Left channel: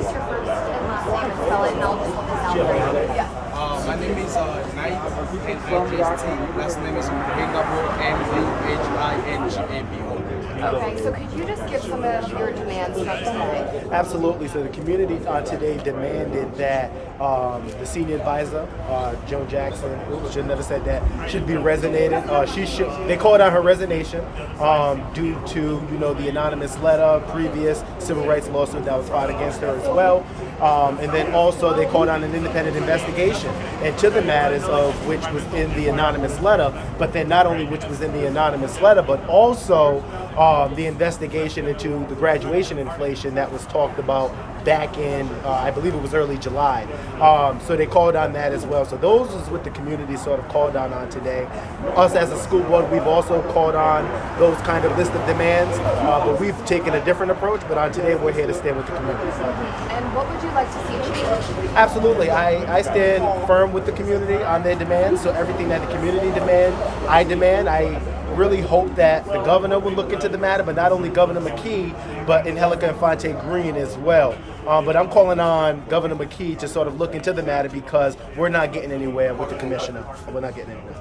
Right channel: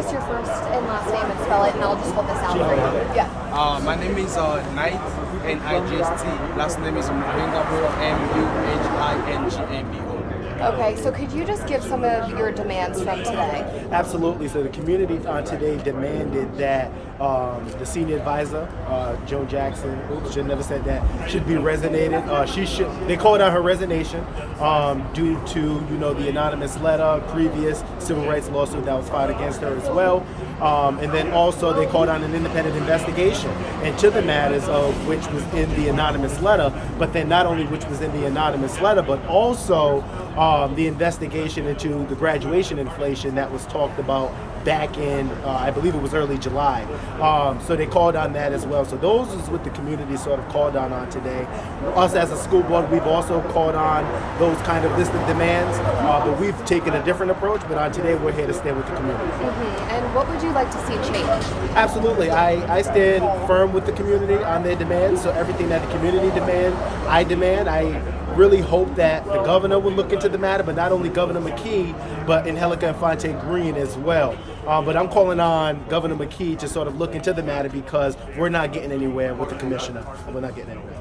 give us your first and last name and spell it, and I'll just hold this down for you. Yeah. My name is Knight, N-I-G-S-T. Last name is Muhingabo, M-U-H-I-N-G-A-B-O. Okay, so could you just give some of your demands from today? Absolutely. So the community today demanded that the senior advisor, Joan Jackson, should never said that, should be resignated. They called out her resignation due to the anonymous letter, previous civil rights lawsuit that was filed against her as well. And then also they called on an independent investigation into the matters of which was in the anonymous letter, but then not only which was in the anonymous letter, but also the investigation into the graduation inflation that was talked about back in, I believe it was early July. So they called on that as well. So those is what the community sort of called on today. Us as a school board, we've also called on those kind of list of demands, but we've taken a different approach. But on today, we're here to stand with the community. And what would you like to see change? Absolutely. I stand firm with the community on their demands. So everything that the community demands, I demand. I really hope that the governor will look into the matter, but not only Governor McKee, but Angelica Infante Green as well. But I'm calling on Governor McKee to sort of look into the matter because we're not getting anywhere with the commissioner. We're not getting anywhere.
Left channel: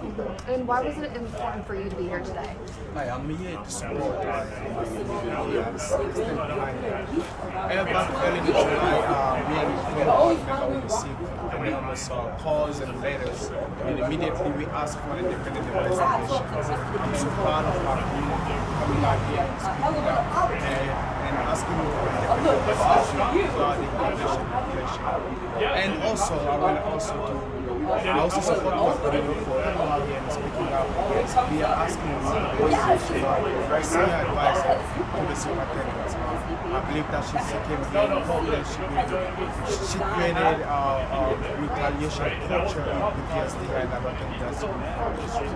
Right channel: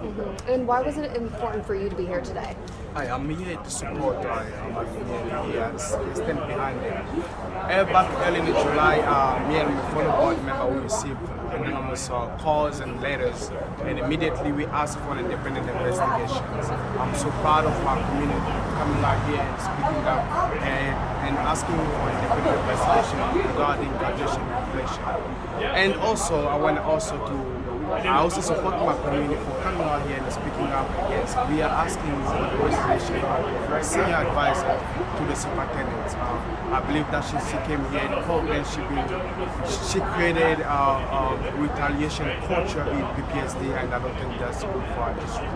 And why was it important for you to be here today? Hi, I'm here to support my community. I stand behind it. Back early in July, me and my fellow board member we received anonymous calls and letters, and immediately we asked for an independent investigation. I'm so proud of our community coming out here and speaking up and asking for an independent investigation regarding graduation inflation. And also, I also support my community for coming out here and speaking up against. We are asking for the resignation of senior advisor to the superintendent. I believe that she came here and probably she created retaliation culture in PPSD, and I don't think that's good for our district.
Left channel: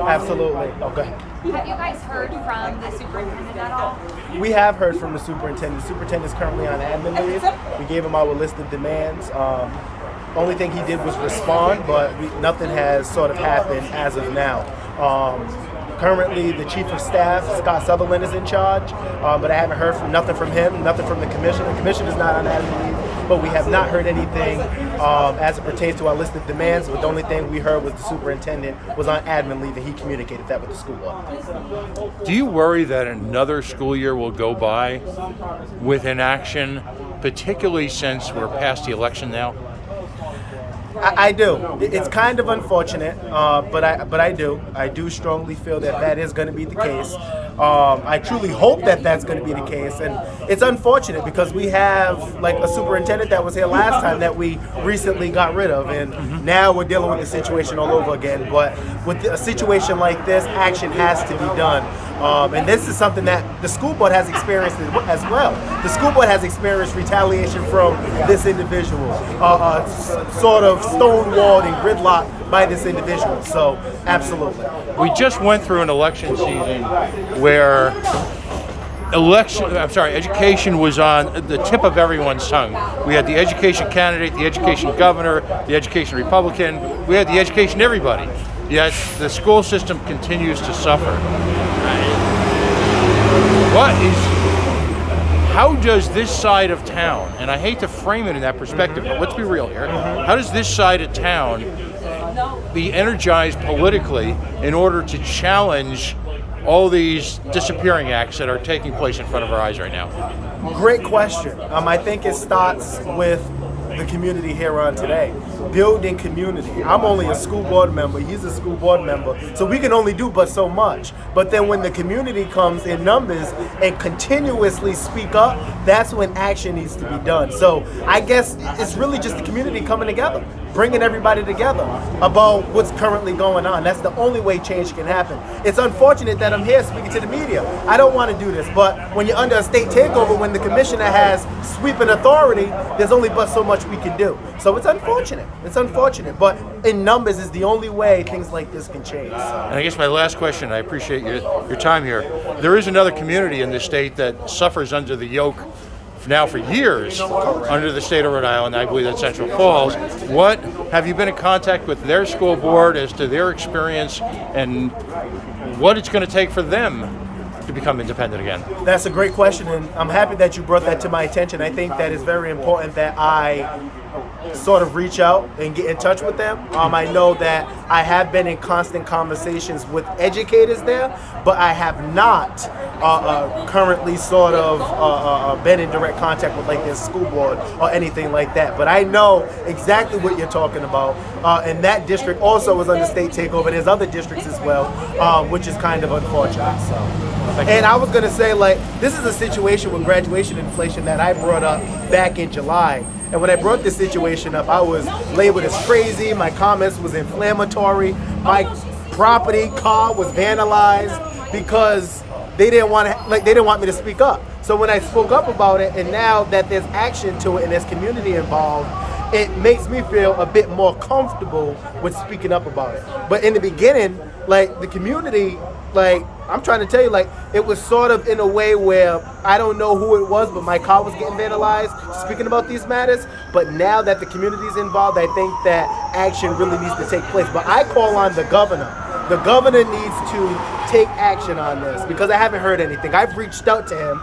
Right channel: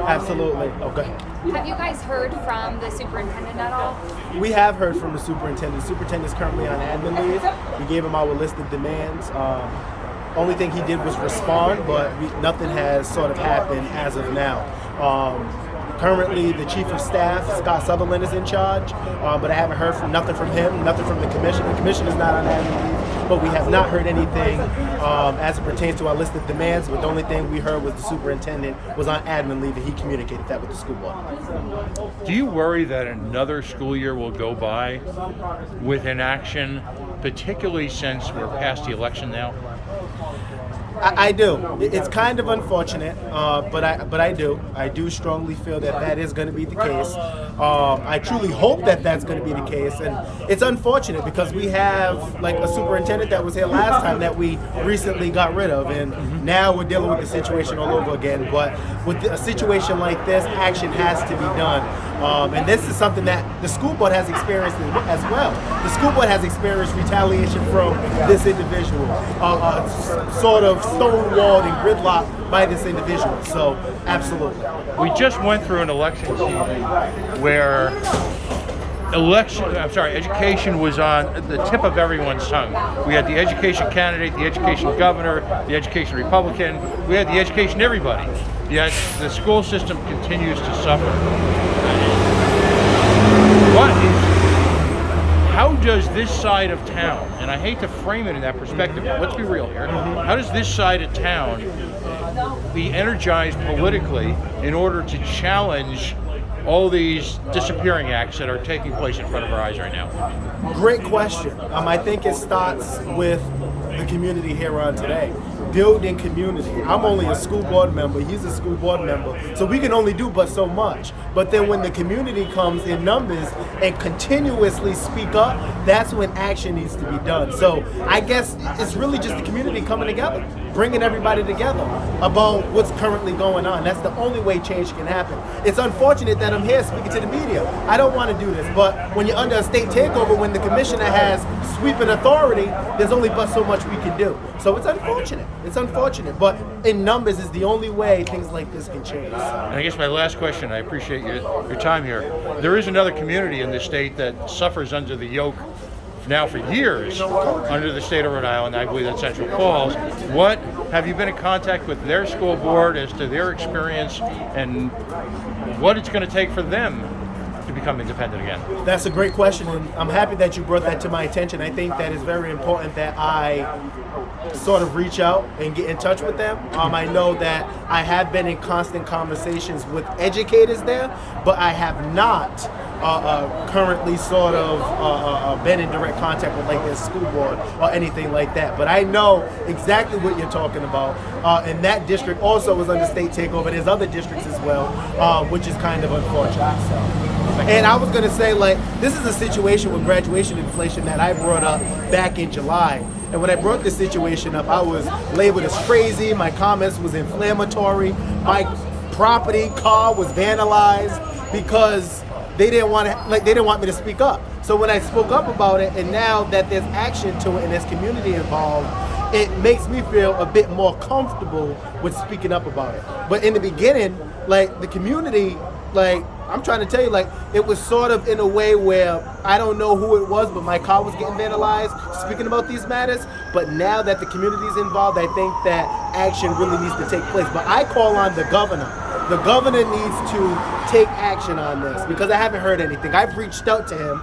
Absolutely. Oh, go ahead. Have you guys heard from the superintendent at all? We have heard from the superintendent. The superintendent is currently on admin leave. We gave him our list of demands. Only thing he did was respond, but nothing has sort of happened as of now. Currently, the chief of staff, Scott Sutherland, is in charge, but I haven't heard nothing from him, nothing from the commissioner. The commissioner is not on admin leave, but we have not heard anything as it pertains to our list of demands. But the only thing we heard was the superintendent was on admin leave, and he communicated that with the school board. Do you worry that another school year will go by with inaction, particularly since we're past the election now? I do. It's kind of unfortunate, but I do. I do strongly feel that is going to be the case. I truly hope that that's going to be the case, and it's unfortunate because we have like a superintendent that was here last time that we recently got rid of, and now we're dealing with the situation all over again. But with a situation like this, action has to be done. And this is something that the school board has experienced as well. The school board has experienced retaliation from this individual, sort of stonewalled and gridlocked by this individual. So, absolutely. We just went through an election season where education was on the tip of everyone's tongue. We had the education candidate, the education governor, the education Republican. We had the education everybody. Yet the school system continues to suffer. How does this side of town, and I hate to frame it in that perspective, but let's be real here, how does this side of town be energized politically in order to challenge all these disappearing acts that are taking place in front of our eyes right now? Great question. I think it starts with the community here on today. Building community. I'm only a school board member, he's a school board member, so we can only do but so much. But then when the community comes in numbers and continuously speak up, that's when action needs to be done. So I guess it's really just the community coming together, bringing everybody together about what's currently going on. That's the only way change can happen. It's unfortunate that I'm here speaking to the media. I don't want to do this, but when you're under a state takeover, when the commissioner has sweeping authority, there's only but so much we can do. So it's unfortunate. It's unfortunate, but in numbers is the only way things like this can change. So. And I guess my last question, I appreciate your time here. There is another community in this state that suffers under the yoke now for years under the state of Rhode Island. I believe that's Central Falls. What have you been in contact with their school board as to their experience and what it's going to take for them to become independent again? That's a great question, and I'm happy that you brought that to my attention. I think that it's very important that I sort of reach out and get in touch with them. I know that I have been in constant conversations with educators there, but I have not currently sort of been in direct contact with like their school board or anything like that. But I know exactly what you're talking about, and that district also is under state takeover. There's other districts as well, which is kind of unfortunate. So. And I was gonna say, like, this is a situation with graduation inflation that I brought up back in July. And when I brought this situation up, I was labeled as crazy. My comments was inflammatory. My property, car was vandalized because they didn't want me to speak up. So when I spoke up about it, and now that there's action to it and there's community involved, it makes me feel a bit more comfortable with speaking up about it. But in the beginning, like, the community, like, I'm trying to tell you, like, it was sort of in a way where I don't know who it was, but my car was getting vandalized speaking about these matters. But now that the community's involved, I think that action really needs to take place. But I call on the governor. The governor needs to take action on this because I haven't heard anything. I've reached out to him,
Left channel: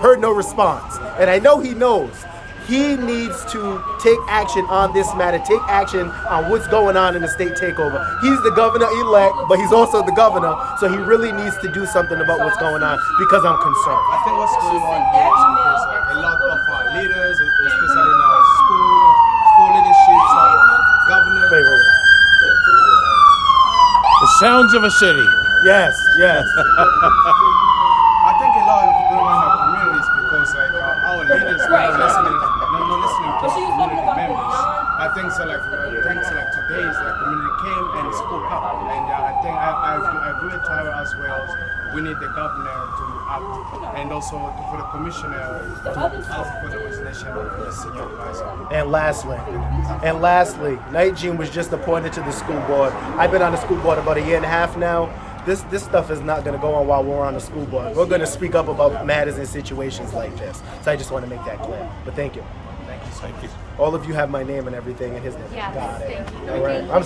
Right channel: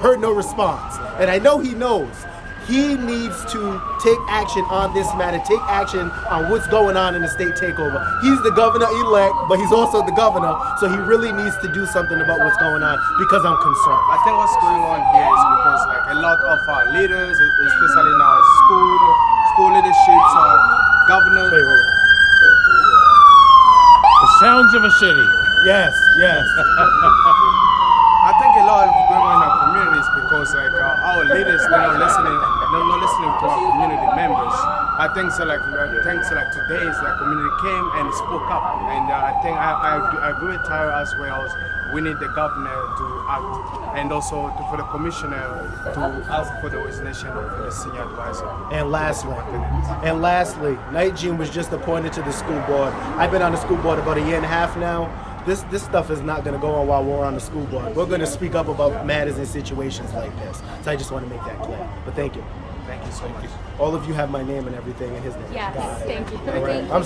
heard no response. And I know he knows. He needs to take action on this matter, take action on what's going on in the state takeover. He's the governor-elect, but he's also the governor, so he really needs to do something about what's going on because I'm concerned. I think what's going on here is because like a lot of our leaders, especially now school leaderships, governor. Wait. The sounds of a city. Yes. I think a lot of going on in our communities because like our leaders are not listening to our community members. I think so. Like thanks to like today's like community came and spoke up, and I think I agree with Tyra as well. We need the governor to act, and also for the commissioner to ask for the resignation for the senior advisor. And lastly, Night Jean was just appointed to the school board. I've been on the school board about a year and a half now. This stuff is not going to go on while we're on the school board. We're going to speak up about matters and situations like this. So I just want to make that clear. But thank you. Thank you so much. All of you have my name and everything and his name. Yes, Got it. thank you. All right. I'm sorry.